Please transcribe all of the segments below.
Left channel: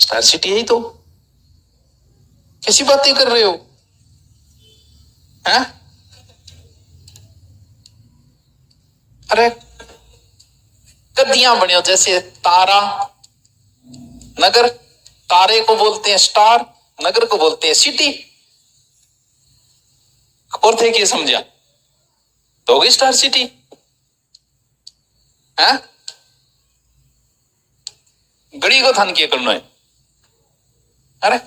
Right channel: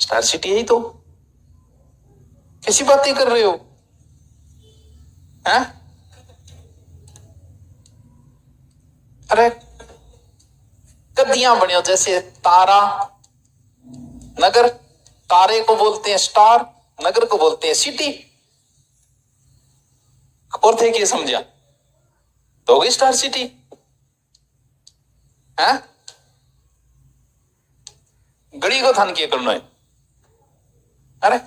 Star city है तो कैसी बातें कर रहे हो? हैं? अरे गद्दियां बने हो जैसे तारा नगर, तारे को बोलते हैं स्टार, नगर को बोलते हैं सिटी। और थे क्या समझा? तो होगी स्टार सिटी है। गड़ी को थान किया करना है। अरे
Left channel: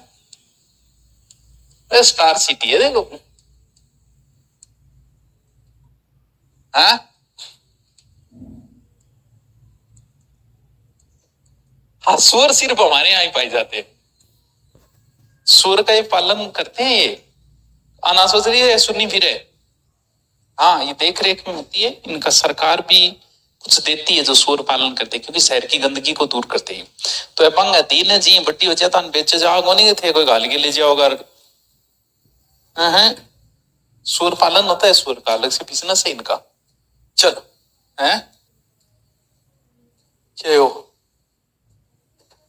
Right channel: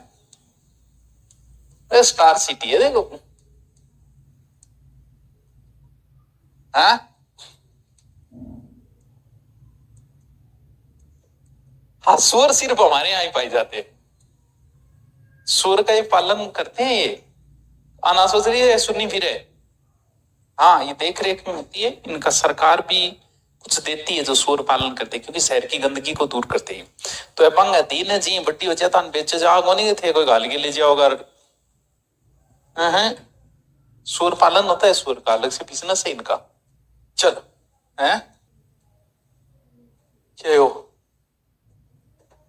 स्टार सिटी है देखो। हाँ हाँ, सुअर सिर्फ हमारे यहाँ ही पाए जाते हैं। सुअर का ये पालन करते हैं ये। आना सोच रही है सुनी फिर है। हाँ, ये देख रेख में होती है इनका, सरकार भी कुछ देती है जो सूअर पालन करते हैं, क्योंकि शहर की गंदगी को दूर करते हैं। तो पंग दीन जी बट्टी हो जाता बेचे जाओ नहीं थे, कोई गाल के ले जाओगा। सूअर पालन होता है, सूअर का अलग से बिजनेस है इनका। चलो है क्या हो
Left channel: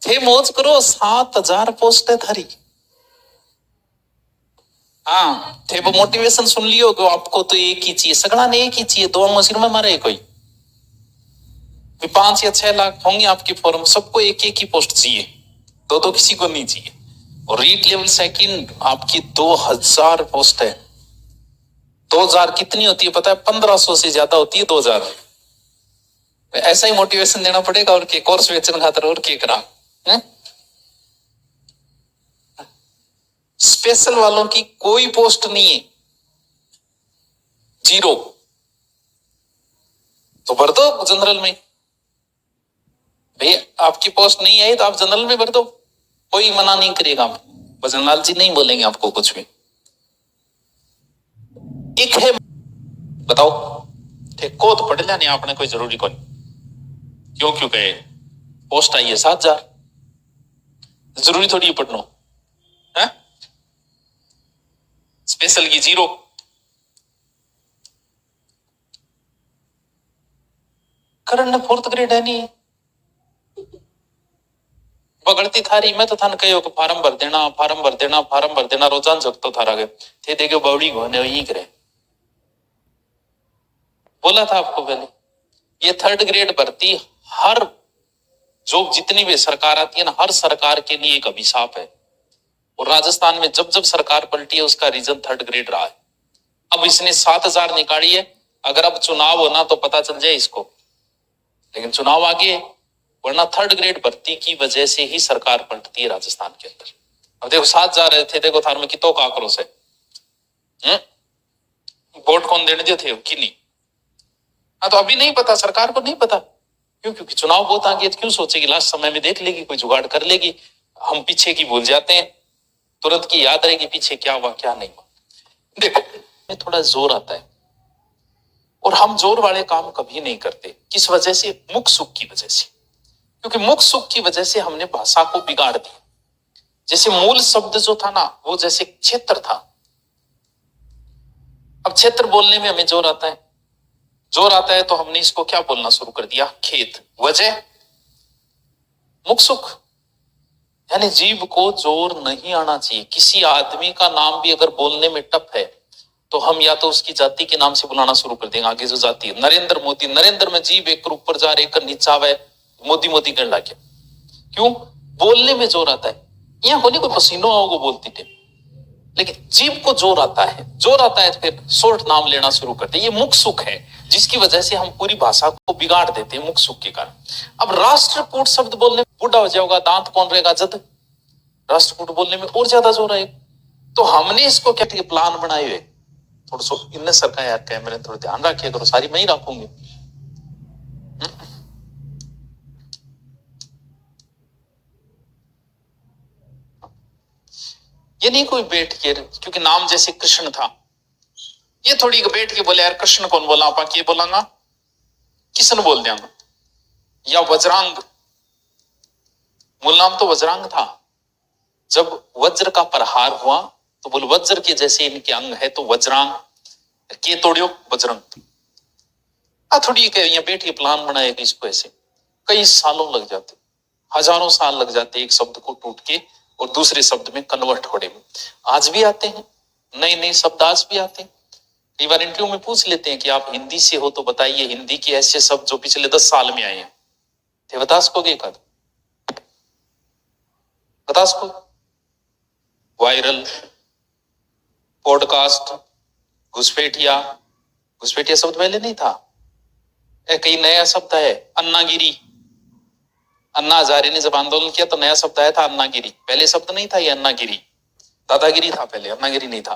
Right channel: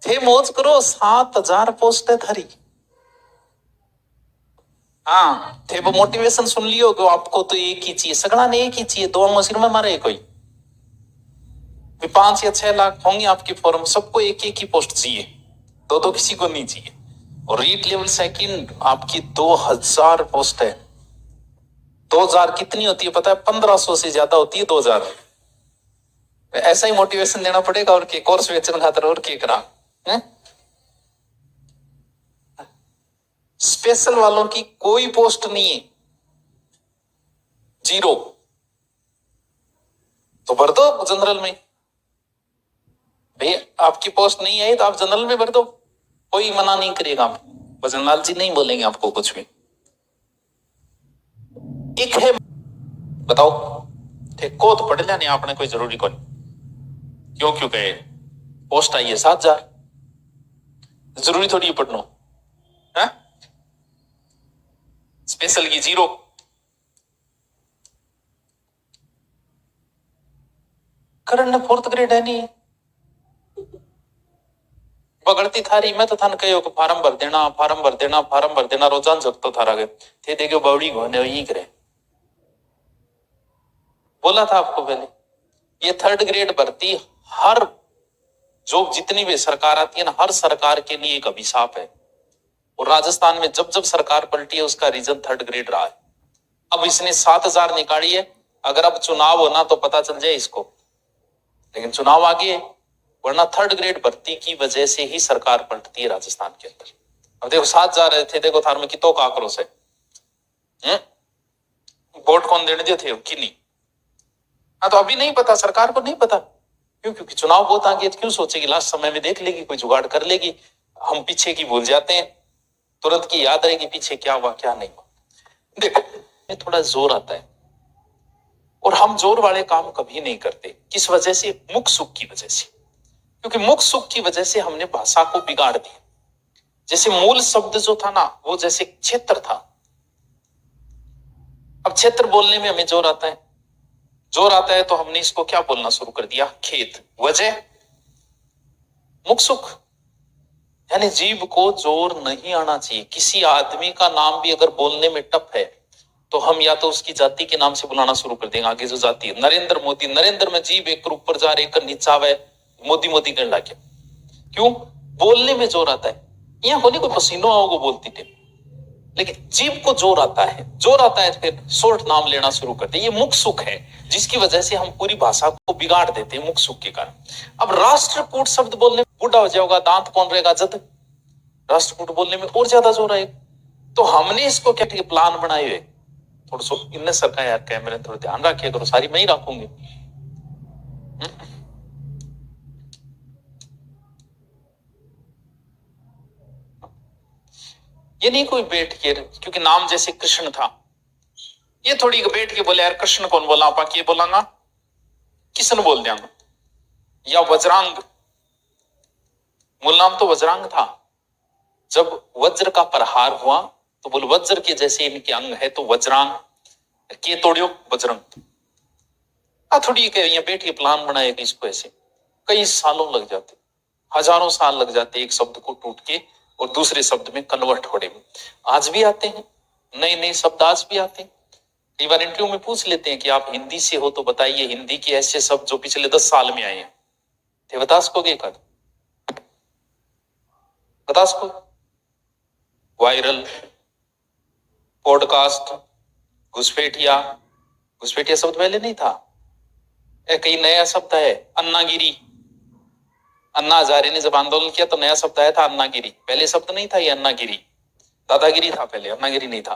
थे मौज करो। 7,000 पोस्ट है थारी। हाँ थे वो मोटिवेशन सुन लियो कि आपको तो एक ही चाहिए, सगड़ा ने एक ही चाहिए, दो मशीन में मारे कोई 5 या 6 लाख होंगे आपके फॉर्म, सबको एक एक ही पोस्ट चाहिए, दो दो किसी को नहीं चाहिए। और रीट लेवल सेकंड आपकी 2000 पोस्ट है। 2000 कितनी होती है पता है? 1500 से ज्यादा होती है 2000। ऐसा ही मोटिवेशन देना पड़ेगा और के कोर्स बेचने खातर और के करा है? स्पेशल वालों की कोई पोस्ट नहीं है, जीरो। तो भर दो जनरल में भैया, आपकी पोस्ट नहीं आई तो आप जनरल में भर दो, कोई मना नहीं करेगा। भजनलाल जी नहीं बोलेंगे आपको कुछ भी। एक है बताओ ठेको तो पढ़ लिया नहीं आपने, कोई जरूरी कोई क्यों क्यों कहे पोस्ट आई है 7,000, जरूरी थोड़ी पढ़नो है। स्पेशल की जीरो। करण ने 4th ग्रेड है नहीं बगड़ती थारी। मैं तो थान कहो फार्म भर देना, फार्म भर देना, फार्म भर देना, रोजान जब तो थारा गए थे देखो बावड़ी घोने यही करे। बोला था आपको पहले, ये 3rd ग्रेड भर्ती हर जो जितनी भी सरकार आती है ना, हर सरकार के लिए एक अभिशाप है। और राजस्थान में जब जब सरकार पलटी है उसका रीजन 3rd ग्रेड रहा है। अब इसने 7,000 निकाली है, अगर अब चुनाव होना तो पता चल जाए इसको, लेकिन चुनाव आगे है, वरना 3rd ग्रेड भर्ती की वजह से ही सरकार पलटती है राजस्थान के अंदर। अब देखो 7 जा रहे थे, देखो थार में कितो का आक्रोश है। वोट कौन देने दे थे कि नहीं? हाँ तो अभी नहीं पता, सरकार को नहीं पता क्यों, क्योंकि चुनाव बहुत आगे, क्यों सोचेगी, लास्ट समय में देख लेगी, कोई जुगाड़ कर लेगी। हम पीछे की भूल जाते हैं, तुरंत की याद रहेगी पीछे क्या हुआ क्या नहीं हुआ। देखो ये थोड़ा जोर आता है और हम जोर वाले काम कभी नहीं करते। किस वजह से? मुख सुख की वजह से। क्योंकि मुख सुख की वजह से हमने भाषा को बिगाड़ दिया। जैसे मूल शब्द जो था ना, वो जैसे क्षेत्र था, अब क्षेत्र बोलने में हमें जोर आता है, जोर आता है तो हमने इसको क्या बोलना शुरू कर दिया? खेत। वजह मुख सुख, यानी जीव को जोर नहीं आना चाहिए। किसी आदमी का नाम भी अगर बोलने में टफ है तो हम या तो उसकी जाति के नाम से बुलाना शुरू कर देंगे। आगे जो जाति है, नरेंद्र मोदी, नरेंद्र में जीव एक ऊपर जा रहे, एक नीचा है, मोदी मोदी करने लगे। क्यों? बोलने में जोर आता है। यहाँ होने को पसीनो आओगे बोलती थे, लेकिन जीव को जोर आता है, जोर आता है फिर शॉर्ट नाम लेना शुरू करते। ये मुख सुख है जिसकी वजह से हम पूरी भाषा को बिगाड़ देते हैं, मुख सुख के कारण। अब राष्ट्रकूट शब्द बोलने में बूढ़ा हो जाएगा, दांत कौन रहेगा जद, राष्ट्रकूट बोलने में और ज्यादा जोर आएगा। तो हमने इसको क्या प्लान बनाए हुए, थोड़ा सा इनने सरकार यार कैमरे थोड़ा ध्यान रखिए करो, सारी मैं ही रखूंगी। ये नहीं कोई बैठ के, क्योंकि नाम जैसे कृष्ण था, ये थोड़ी बैठ के बोले यार कृष्ण कौन बोला, आप ये बोलांगा किशन बोल देंगे, या वज्रांग, मूल नाम तो वज्रांग था। जब वज्र का प्रहार हुआ तो बोल वज्र के जैसे इनके अंग है तो वज्रांग, के तोड़ियो बजरंग। थोड़ी बैठ के प्लान बनाए इसको, ऐसे कई सालों लग जाते, हजारों साल लग जाते एक शब्द को टूट के और दूसरे शब्द में कन्वर्ट होने में। आज भी आते हैं नए नए शब्द, आज भी आते हैं। कई बार इंटरव्यू में पूछ लेते हैं कि आप हिंदी से हो तो बताइए हिंदी के ऐसे शब्द जो पिछले 10 साल में आए हैं। तो बता सकोगे? एक आध बता सको? Viral, podcast, घुसपैठिया। घुसपैठिया शब्द पहले नहीं था। कई नया शब्द है, अन्नागिरी। अन्ना हजारे ने जब आंदोलन किया तो नया शब्द आया था अन्नागिरी। पहले शब्द नहीं था ये अन्नागिरी, दादागिरी था पहले, अन्नागिरी नहीं था।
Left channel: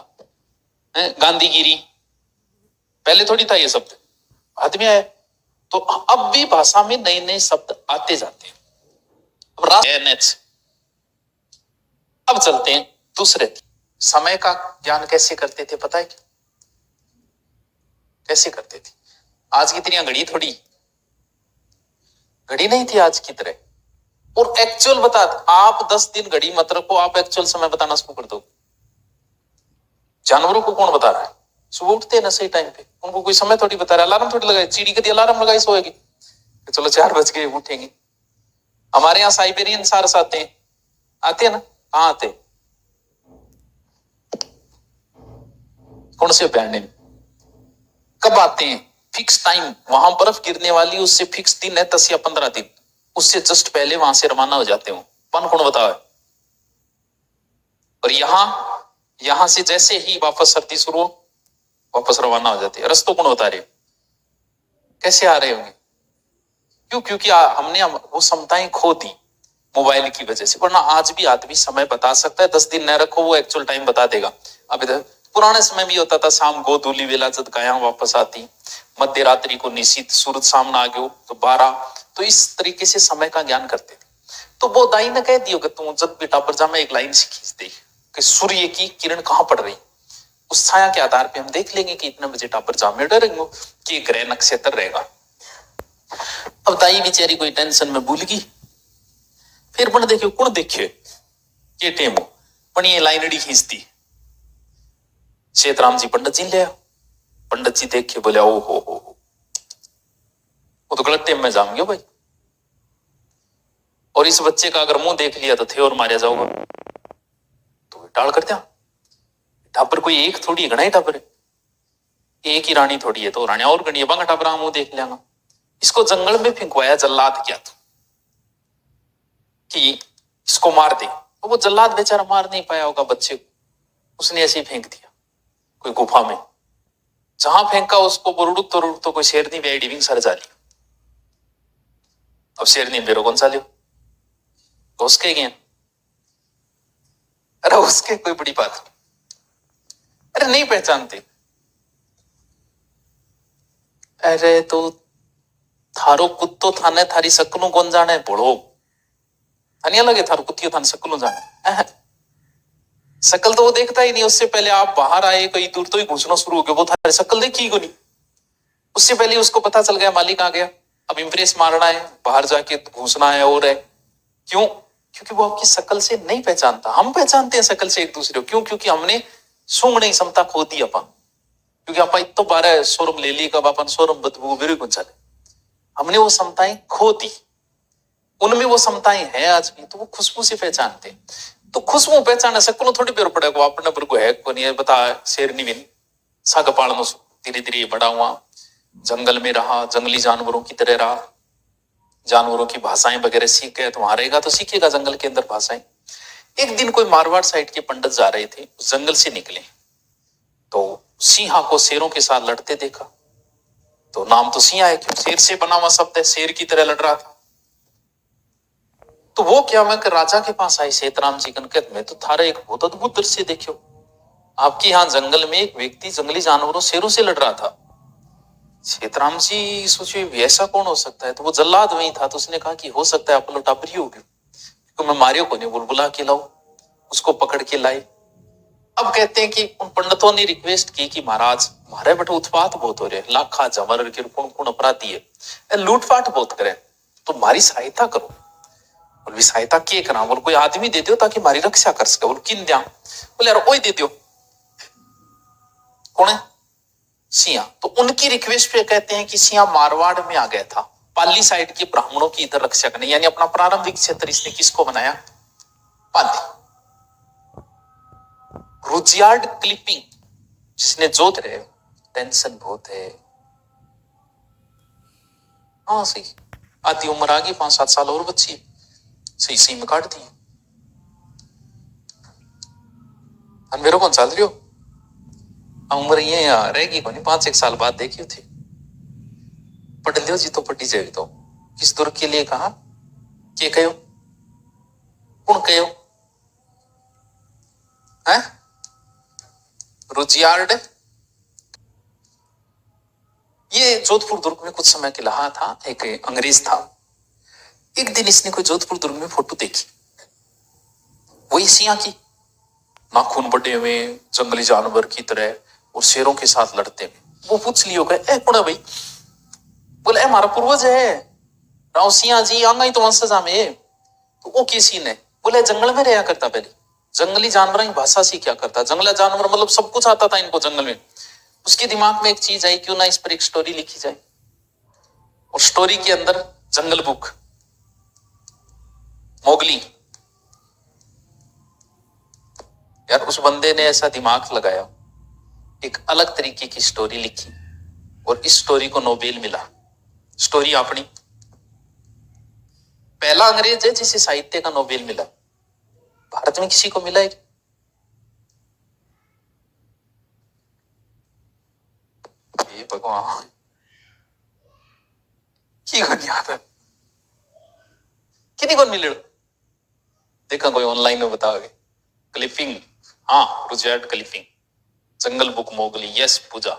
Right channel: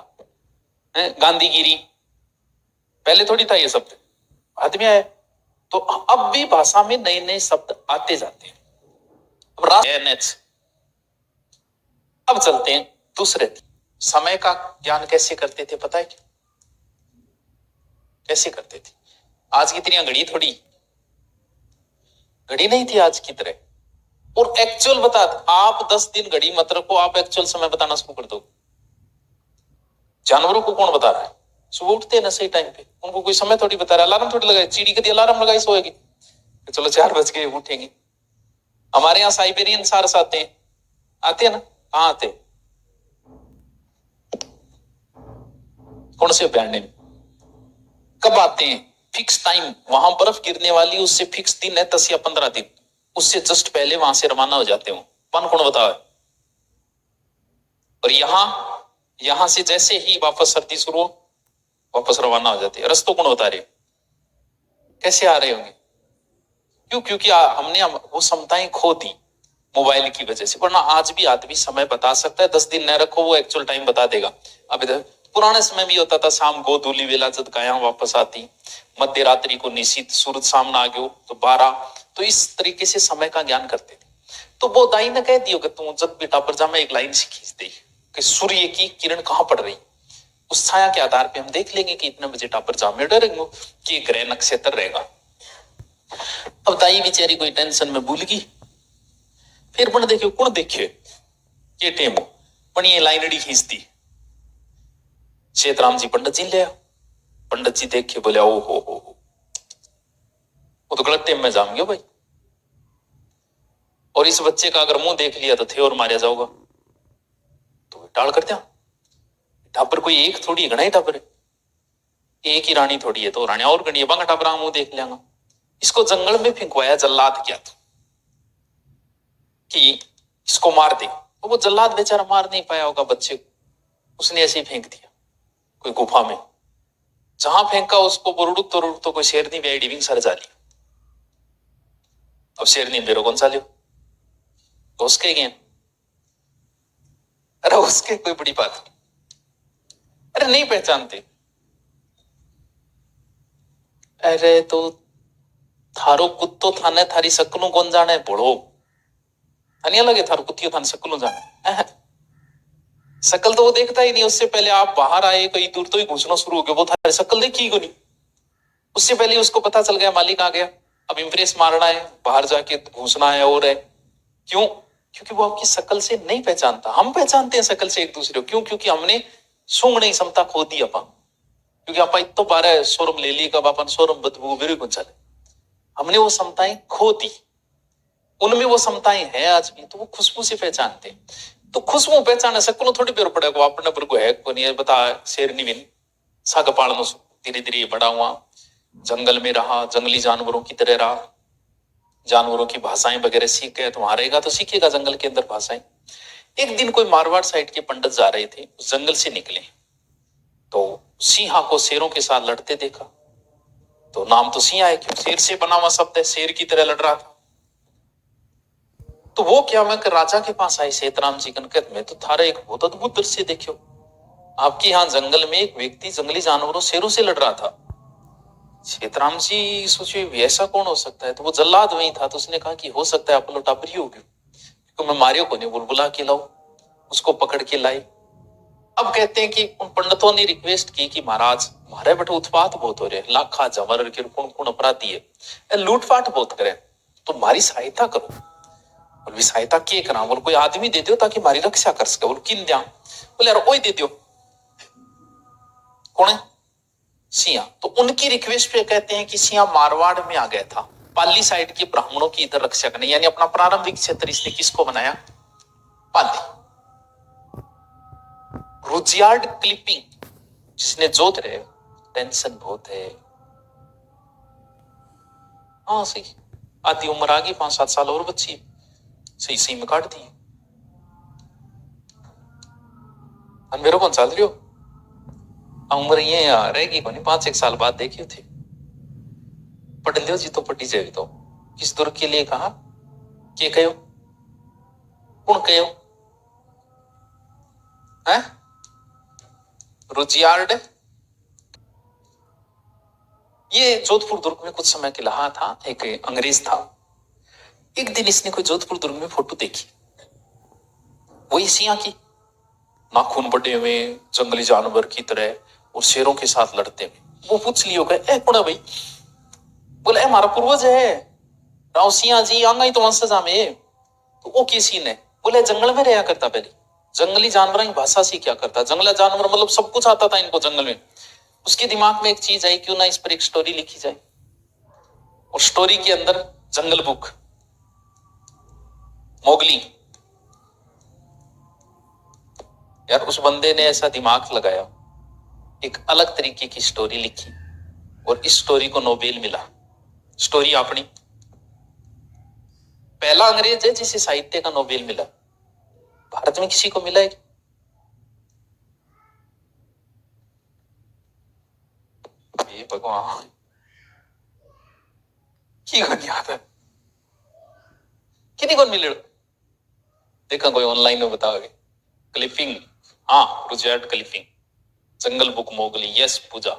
गांधीगिरी पहले थोड़ी था ये शब्द, बाद में आया। तो अब भी भाषा में नए नए शब्द आते जाते हैं। अब चलते हैं दूसरे। समय का ज्ञान कैसे करते थे पता है क्या? कैसे करते थे? आज की तरह घड़ी थोड़ी, घड़ी नहीं थी आज की तरह। और एक्चुअल बता, आप 10 दिन घड़ी मत रखो, आप एक्चुअल समय बताना शुरू कर दो। जानवरों को कौन बता रहा है? सुबह उठते हैं ना सही टाइम पे, उनको कोई समय थोड़ी बता रहा है। अलार्म थोड़ी लगाए, चिड़ी कभी अलार्म लगाई सोएगी? चलो 4 बज गए उठेंगे। हमारे यहाँ साइबेरियन सार्स आते हैं, आते हैं ना? कहाँ आते? कौन से अभयारण्य में? कब आते हैं? फिक्स टाइम, वहां बर्फ गिरने वाली उससे फिक्स दिन है 10 या 15 दिन, उससे जस्ट पहले वहां से रवाना हो जाते हो। कौन बताओ है? और यहां से जैसे ही वापस सर्दी शुरू हो वापस रवाना हो जाते हैं। रस्तों कौन बता रहे? कैसे आ रहे होंगे? क्यों? क्योंकि हमने वो क्षमताएं खो दी मोबाइल की वजह से। वरना आज भी आदमी समय बता सकता है, 10 दिन न रखो वो एक्चुअल टाइम बता देगा। अब इधर पुराने समय में होता था, शाम को धूली वेला जब गाया वापस आती, मध्य रात्रि को निश्चित सूरज सामने आ गयो तो 12। तो इस तरीके से समय का ज्ञान करते थे। तो वो दाई ने कह दियो कि तू जब बेटा पर जा में एक लाइन से खींच दे कि सूर्य की किरण कहाँ पड़ रही, उस छाया के आधार पे हम देख लेंगे कि इतने बजे टापर जा में डरेंगे कि ग्रह नक्षत्र रहेगा। अब दाई बेचारी कोई टेंशन में भूल गई। फिर बन देखियो कौन देखे के टेम पण ये लाइनड़ी खींचती। शेतराम जी पंडित जी ले, पंडित जी देख के बोले ओ हो वो तो गलत टेम में जाऊंगे भाई, और इस बच्चे का अगर मुंह देख लिया तो थे और मारा जाओगा। तो टाल कर दिया। टापर कोई एक थोड़ी है, घना ही टापर है, एक ही रानी थोड़ी है, तो रानी और गणी बांगा टापरा मुंह देख लिया। इसको जंगल में फेंकवाया जल्लाद क्या था कि इसको मार दे, तो वो जल्लाद बेचारा मार नहीं पाया होगा बच्चे को, उसने ऐसे ही फेंक दिया कोई गुफा में। जहां फेंका उसको बुरुड़ुक तो कोई शेरनी भी आई डिविंग सर जा लिया। अब शेरनी बेरो कौन सा लियो? उसके गए, अरे उसके कोई बड़ी बात नहीं, अरे नहीं पहचानते। अरे तो थारो कुत्तो थाने थारी शकलों कौन जाने बोलो, थानिया लगे थारो कुत्तियों थाने शकलों जाने, शकल तो वो देखता ही नहीं। उससे पहले आप बाहर आए कई दूर तो ही घुसना शुरू हो गया, वो थारी शकल देखी ही नहीं। उससे पहले उसको पता चल गया मालिक आ गया, अब इम्प्रेस मारना है, बाहर जाके घुसना है। और है क्यों? क्योंकि वो आपकी शकल से नहीं पहचानता। हम पहचानते हैं शकल से एक दूसरे को, क्यों? क्योंकि हमने सूंघने क्षमता खो दी अपन, क्योंकि आप इतो 12 शोरूम ले ली, कब अपन शोरूम बदबू मेरे को चले, हमने वो क्षमताएं खो दी। उनमें वो क्षमताएं हैं आज भी, तो वो खुशबू से पहचानते। तो खुशबू पहचाने शकलों थोड़ी पेड़ पड़ेगा अपने पर को है को नहीं बता। शेरनी बिन साग पालन धीरे धीरे बड़ा हुआ, जंगल में रहा, जंगली जानवरों की तरह रहा, जानवरों की भाषाएं वगैरह सीख गया। तो वहां रहेगा तो सीखेगा जंगल के अंदर भाषाएं। एक दिन कोई मारवाड़ साइड के पंडित जा रहे थे, उस जंगल से निकले तो सिंहा को शेरों के साथ लड़ते देखा। तो नाम तो सिंहा है, क्यों? शेर से बना हुआ शब्द है, शेर की तरह लड़ रहा था। तो वो क्या, मैं राजा के पास आई सेतराम जी कनकत में, तो थारा एक बहुत अद्भुत दृश्य देखियो। आपके यहाँ जंगल में एक व्यक्ति जंगली जानवरों शेरों से लड़ रहा था। सेतराम जी सोचे ऐसा कौन हो सकता है, तो वो जल्लाद वही था। तो उसने कहा कि हो सकता है आप लोग टापरी होगी, क्योंकि मैं मारियो को नहीं, बुलबुला के लाओ। उसको पकड़ के लाई। अब कहते हैं कि उन पंडितों ने रिक्वेस्ट की कि महाराज हमारे बेटे उत्पात बहुत हो रहे, लाखा जमर के कौन कौन अपराधी है, लूटपाट बहुत करे, तो हमारी सहायता करो। बोल सहायता के करा? बोल कोई आदमी दे दो ताकि हमारी रक्षा कर सके। बोल किन दिया? बोले यार वही दे दो। कौन है? सिंहा। तो उनकी रिक्वेस्ट पे कहते हैं कि सिंहा मारवाड़ में आ गया था पाली साइड के ब्राह्मणों की इधर रक्षा करने, यानी अपना प्रारंभिक क्षेत्र इसने किसको बनाया? पाली। रुजियार्ड क्लिपिंग, जिसने जोत रहे, टेंशन बहुत है। हाँ सही, आधी उम्र आ गई, 5-7 साल और बच्ची, सही सही में काट दी। मेरे कौन चल रही हो, उम्र ये रहेगी कौन, 5-1 साल बाद देखियो थे। पढ़ लियो जी तो पढ़ी जाएगी। तो किस दुर्ग के लिए कहा, के कहो कौन कहो है? रुजियार्ड। ये जोधपुर दुर्ग में कुछ समय के रहा था, एक अंग्रेज था। एक दिन इसने कोई जोधपुर दुर्ग में फोटो देखी, वही सिया की, नाखून बड़े हुए, जंगली जानवर की तरह और शेरों के साथ लड़ते हुए। वो पूछ लियो गए, ए कौन है भाई? बोले हमारा पूर्वज है राव सिंह जी, आंगा ही तो वंशज में। तो वो की सीन है? बोले जंगल में रहा करता, पहले जंगली जानवर की भाषा सी क्या करता, जंगला जानवर मतलब सब कुछ आता था इनको जंगल में। उसके दिमाग में एक चीज आई, क्यों ना इस पर एक स्टोरी लिखी जाए। और स्टोरी के अंदर जंगल बुक, मोगली। यार उस बंदे ने ऐसा दिमाग लगाया, एक अलग तरीके की स्टोरी लिखी, और इस स्टोरी को नोबेल मिला। स्टोरी अपनी, पहला अंग्रेज है जिसे साहित्य का नोबेल मिला। भारत में किसी को मिला है? ये भगवान की कौन याद है, कितनी कौन मिले? देखा कोई ऑनलाइन में बताओगे? क्लिपिंग, हाँ रुजियार्ड क्लिपिंग, जंगल बुक, मोगली, यस पूजा।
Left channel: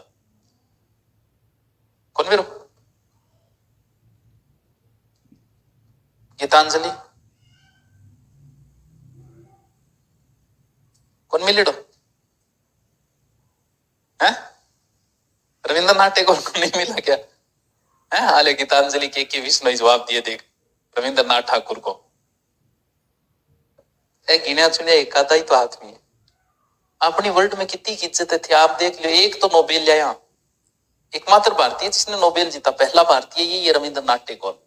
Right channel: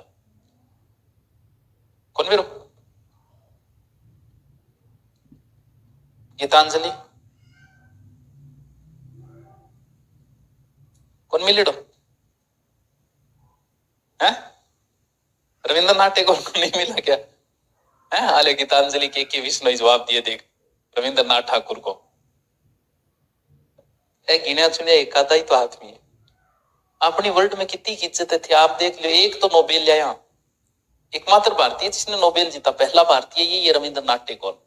कौन मेरे? गीतांजलि, कौन मिले? है रविंद्रनाथ टैगोर को नहीं मिला क्या? है हाले गीतांजलि के विष्णु जवाब दिए, देख रविंद्रनाथ ठाकुर को गिना चुनिया एक आधा ही तो आदमी है। अपनी वर्ल्ड में कितनी इज्जत थी, आप देख लो। एक तो नोबेल लाया, एकमात्र भारतीय जिसने नोबेल जीता, पहला भारतीय ये रविंद्रनाथ टैगोर।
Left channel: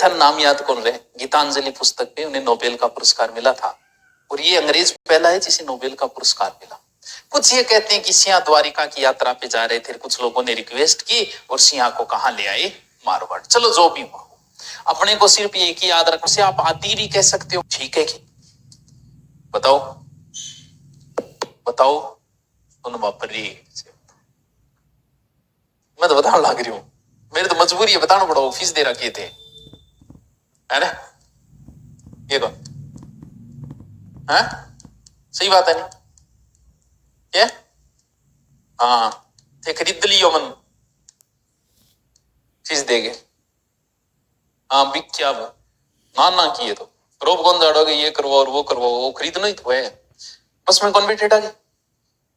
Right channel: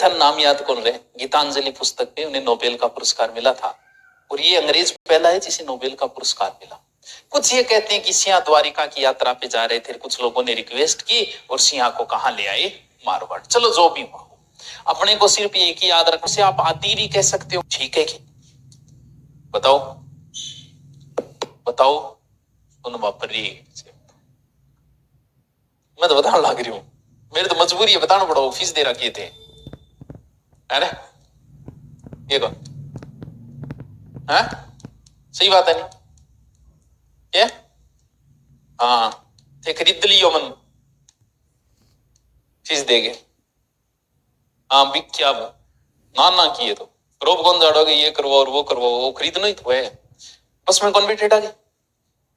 था नाम याद कौन रहे? गीतांजलि पुस्तक में उन्हें नोबेल का पुरस्कार मिला था, और ये अंग्रेज पहला है जिसे नोबेल का पुरस्कार मिला। कुछ ये कहते हैं कि सिंह द्वारिका की यात्रा पे जा रहे थे, कुछ लोगों ने रिक्वेस्ट की और सिंह को कहां ले आए? मारवाड़। चलो जो भी हुआ, अपने को सिर्फ एक ही याद रखने से आप आतीरी कह सकते हो, ठीक है? कि बताओ बताओ, उन वापरी मैं तो बताने लग रही हूं, मेरी तो मजबूरी है बताना पड़ा, फीस दे रखी थे, है ना? ये कौन है? सही बात है नहीं? क्या? हाँ थे खरीद लियो मन, फीस देगे। हाँ बिक क्या वो ना ना किए तो रोब कौन जाड़ोगे, ये करवाओ और वो करवाओ, वो खरीदना ही तो है। बस में कौन बैठेगा?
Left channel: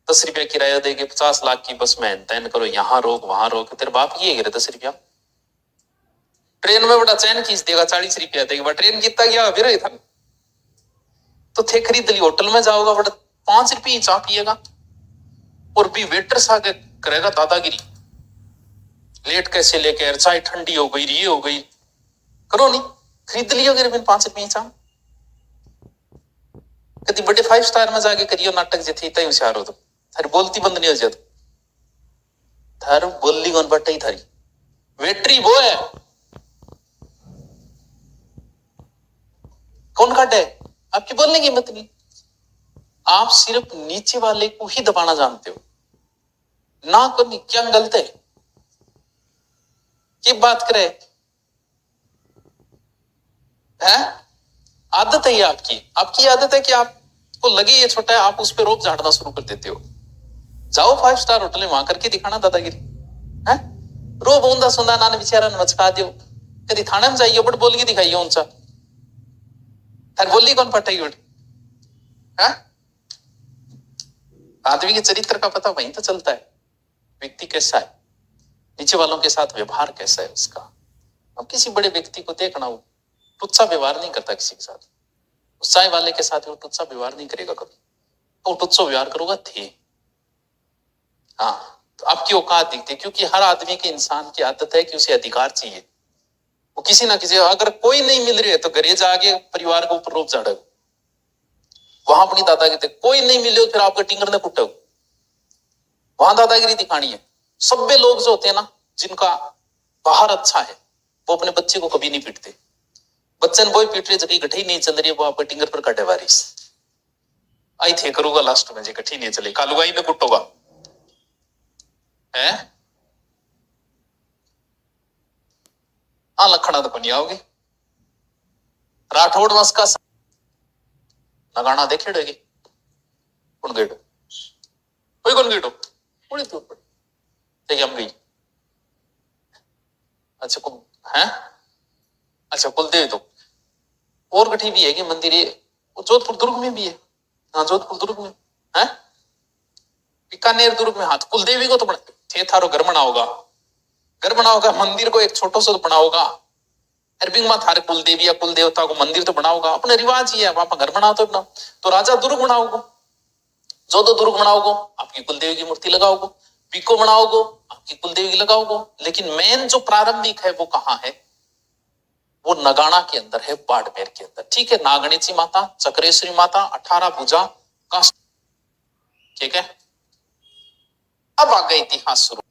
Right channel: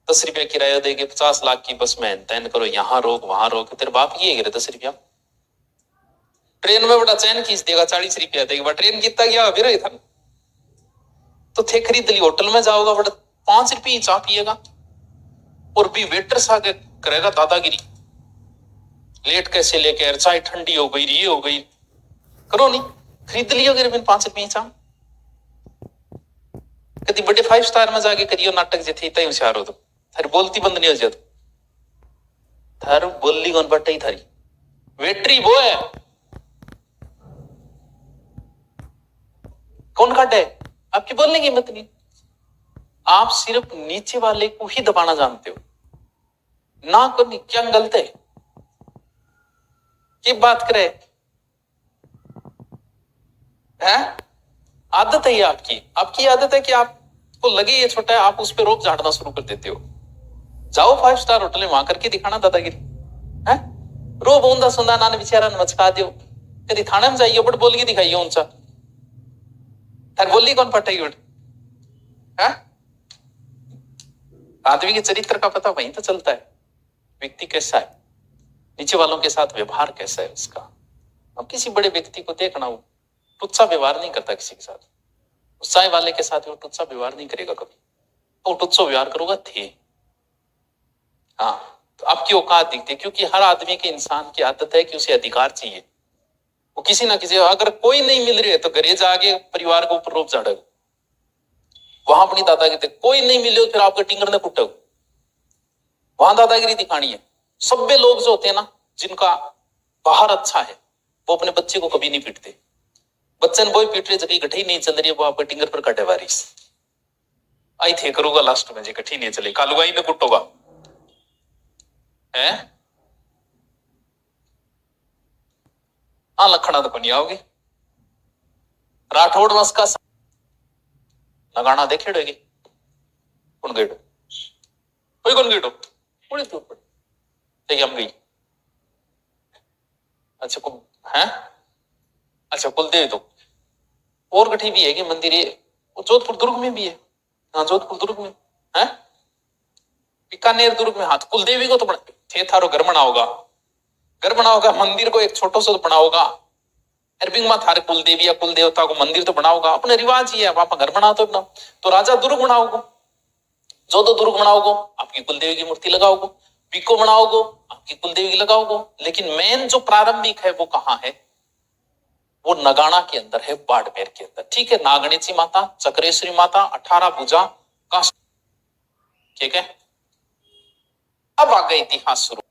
10 रुपया किराया देके 50 लाख की बस में तैन करो, यहाँ रोक वहां रोक, तेरे बाप की है 10 रुपया। ट्रेन में बड़ा चैन खींच देगा, 40 रुपया देगा, ट्रेन कितना गया फिर था तो थे खरीद ली। होटल में जाओगा बड़ा 5 रुपये चाह पिएगा, और भी वेटर सा करेगा दादागिरी, लेट कैसे लेके यार, चाय ठंडी हो गई, ये हो गई, करो नहीं, खरीद लियो फिर 5 रुपये चाह। कभी बड़े 5 स्टार में जाके करियो नाटक, जे थे होशियार हो तो थारी बोलती बंद नहीं हो जाती, थार बोली कौन बट ही थारी वेटरी वो है, कौन काटे? आपकी बोलने की हिम्मत नहीं। आप सिर्फ नीचे वाले को ही दबाना जानते हो ना, को नहीं। क्या गलत है? की बात करे है? आदत है ये आपकी, आपकी आदत है कि आपको लगे ये छोटा है, आप उस पर रोप झाड़ना शुरू कर देते हो। जाओ 5 स्टार होटल में, वहां करके दिखाना दादागिरी है। रो बोंदा सुंदा नान बेचारा मचका दियो, कभी थाने में जाइयो बट बोल के दिखाइयो उनसा, थार बोली कौन पटाई उठ है? आदमी के चरित्र का पता वहीं तो चलता है, व्यक्ति कैसा है, नीचे वालों के साथ व्यवहार कैसा है उसका। अब किसी बड़े व्यक्ति को देखना, वो टुच्चा व्यवहार नहीं करता किसी के साथ, उत्साह वाले के साथ वो टुच्चा व्यवहार नहीं करेगा कभी, तो टुच्चो व्यवहार करोगा थे। हाँ तो आपकी औकात दिखती है, क्योंकि हर आदमी के, इंसान की आदत है कि उसे अधिकार चाहिए। वो किसी ना किसी, अगर कोई नहीं मिल रही है तो घरे जाके परिवार के ऊपर रोप झाड़ो, वहां अपनी दादागिरी। कोई नहीं मिले तो फिर आपके टिंगर ने कुटो, वहां दादागिरी दिखानी है। सभ्य लोग जो होते हैं ना, जिनका बाहर अच्छा है, वो अपने बच्चे को कभी नहीं पीटते। बच्चे ने वो ही पीट रहे जबकि गठी नहीं चल रही है, वो आपके टिंगर पर कटे वारिस आई थे करूंगा लास्ट में, जो गठी नहीं चले कालुगाई ने कुटोगा है। हाँ लखना तो नहीं आओगे। राठौड़ वंश का लगाना देखे डोगे कौन गेटो, कोई कौन गेटो उड़ी तो ऊपर देखिए हम गई। अच्छा कुल है, अच्छा कुलदेवी तो और गठी भी है कि मंदिर ये, वो जोधपुर दुर्ग में भी है। हाँ जोधपुर दुर्ग में है, बीकानेर दुर्ग में। हाथ कुलदेवी को तो थे थारो घर बना होगा, घर बना होगा, मंदिर को एक छोटो सा तो बना होगा। अरबिंग में थारे कुलदेवी या कुल देवता को मंदिर तो बनाओगा, अपने रिवाज ही है, वहां पर घर बनाओ तो बनाओ। तो राजा दुर्ग बनाओगे, जो दो दुर्ग बनाओगे आपकी कुलदेवी की मूर्ति लगाओगे, पीको बनाओगे आपकी कुलदेवी की लगाओगे। लेकिन मेन जो प्रारंभिक है वो कहाँ है, वो नगाना के अंदर है, बाड़मेर के अंदर। ठीक है, नागणेची माता, चक्रेश्वरी माता, 18 भुजा का, ठीक है। अब आ गया इतिहास शुरू,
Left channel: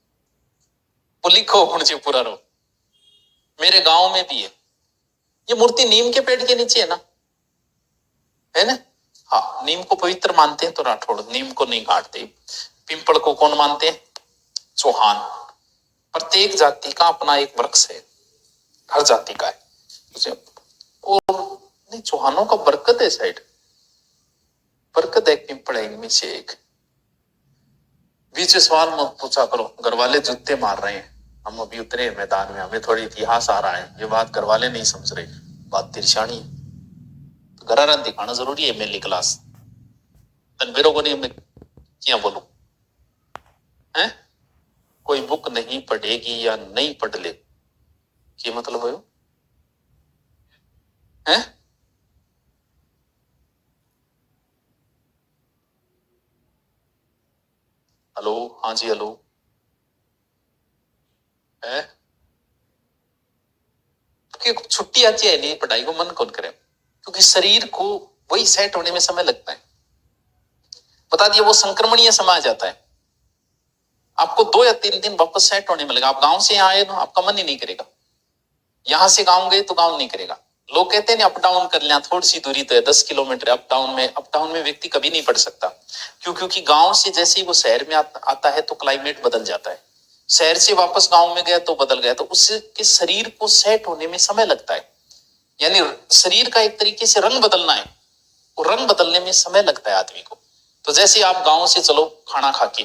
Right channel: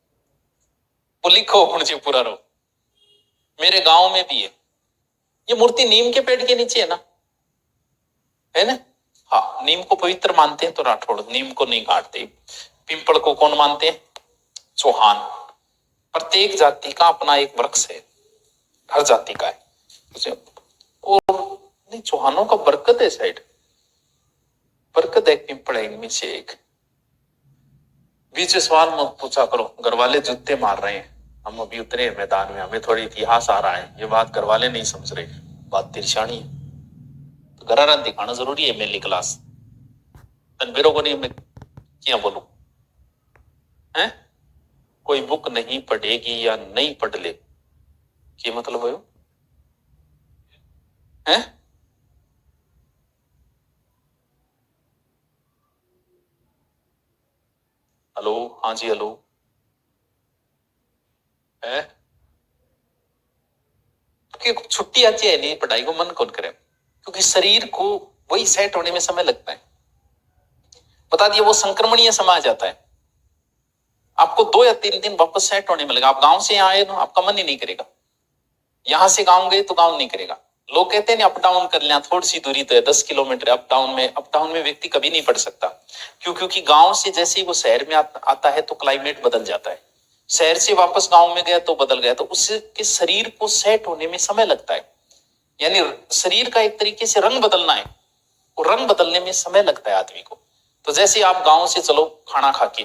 वो लिखो मुझे पूरा रो। मेरे गांव में भी है ये मूर्ति, नीम के पेड़ के नीचे है ना, है ना। हाँ नीम को पवित्र मानते हैं तो राठौड़, नीम को नहीं काटते। पिंपल को कौन मानते हैं, चौहान। प्रत्येक जाति का अपना एक वृक्ष है, हर जाति का है। और नहीं, चौहानों का बरकत है साइड, बरकत है, पिंपल है इनमें से एक। बीच सवाल मत पूछा करो, घर वाले जूते मार रहे हैं, हम अभी उतरे मैदान में, हमें थोड़ी इतिहास आ रहा है, ये बात घर वाले नहीं समझ रहे, बात तिरछानी है। तो घर दिखाना जरूरी है, मेरी क्लास तनवीरों को नहीं मैं क्या बोलूं है। कोई बुक नहीं पढ़ेगी या नहीं पढ़ ले, क्या मतलब है? हेलो, हाँ जी हेलो है। छुट्टी आती है नहीं, पढ़ाई को मन कौन करे, क्योंकि शरीर को वही सेट होने में समय लगता है। बता दिया, वो संक्रमणीय समय आ जाता है, आपको 2 या 3 दिन वापस सेट होने में लगा। आप गांव से यहाँ आए ना, आपका मन ही नहीं करेगा, यहां से गांव गए तो गांव नहीं करेगा। लोग कहते हैं अप डाउन कर लिया, थोड़ी सी दूरी तो है 10 किलोमीटर, अप डाउन में व्यक्ति कभी नहीं पढ़ सकता। क्यों? क्योंकि गांव से जैसे ही वो शहर में आता है तो क्लाइमेट बदल जाता है, शहर से वापस गांव में गया तो बदल गया, तो उसके शरीर को सेट होने में समय लगता है। यानी शरीर का एक तरीके से रंग बदलना है, वो रंग बदलने में समय लगता है आदमी को। तो जैसे आप गांव से चलो खाना खा के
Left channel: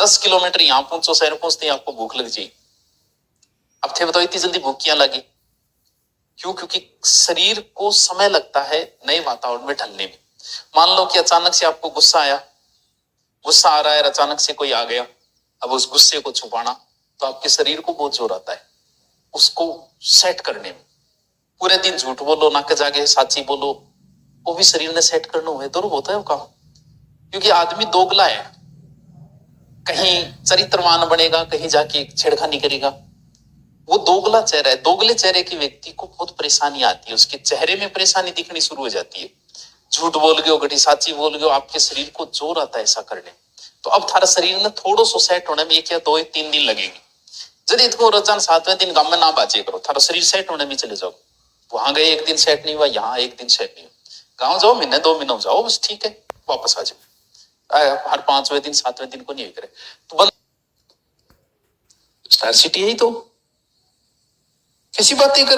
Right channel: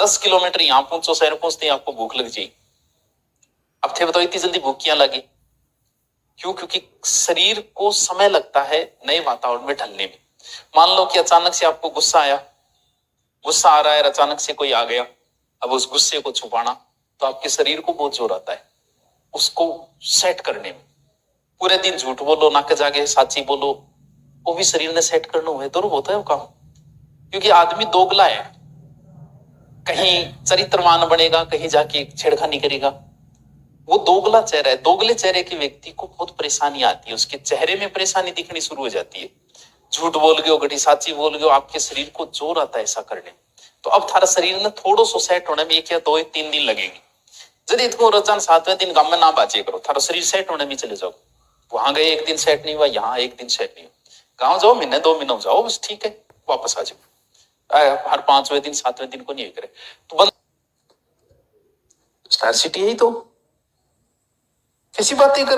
10 किलोमीटर यहाँ पहुंचो, शहर पहुंचते ही आपको भूख लग जाएगी। अब थे बताओ इतनी जल्दी भूख क्यों लगी? क्यों? क्योंकि शरीर को समय लगता है नए वातावरण में ढलने में। मान लो कि अचानक से आपको गुस्सा आया, गुस्सा आ रहा है, अचानक से कोई आ गया, अब उस गुस्से को छुपाना तो आपके शरीर को बहुत जोर आता है उसको सेट करने में। पूरे दिन झूठ बोलो, नाक जागे साची बोलो, वो भी शरीर ने सेट करना हुआ है, दुर्ग होता है वो काम। क्योंकि आदमी दोगला है, कहीं चरित्रवान बनेगा, कहीं जाके छेड़खानी करेगा। वो दोगला चेहरा है, दोगले चेहरे के व्यक्ति को बहुत परेशानी आती है, उसके चेहरे में परेशानी दिखनी शुरू हो जाती है। झूठ बोल गयो, गठी साची बोल गयो, आपके शरीर को जोर आता है ऐसा करने। तो अब थारा शरीर ने थोड़ो सो सेट होने में 1 या 2 या 3 दिन लगेंगे। यदि इतको रोजान 7वें दिन गांव में ना बाचे करो, थारा शरीर सेट होने में चले जाओ। वहां गए 1 दिन सेट नहीं हुआ, यहाँ 1 दिन सेट नहीं हुआ, गाँव जाओ महीने 2 महीनों जाओ, बस ठीक है वापस आ जाओ। हर 5वें दिन 7वें दिन को नहीं करे तो बंद। स्टार सिटी है ही तो कैसी बातें कर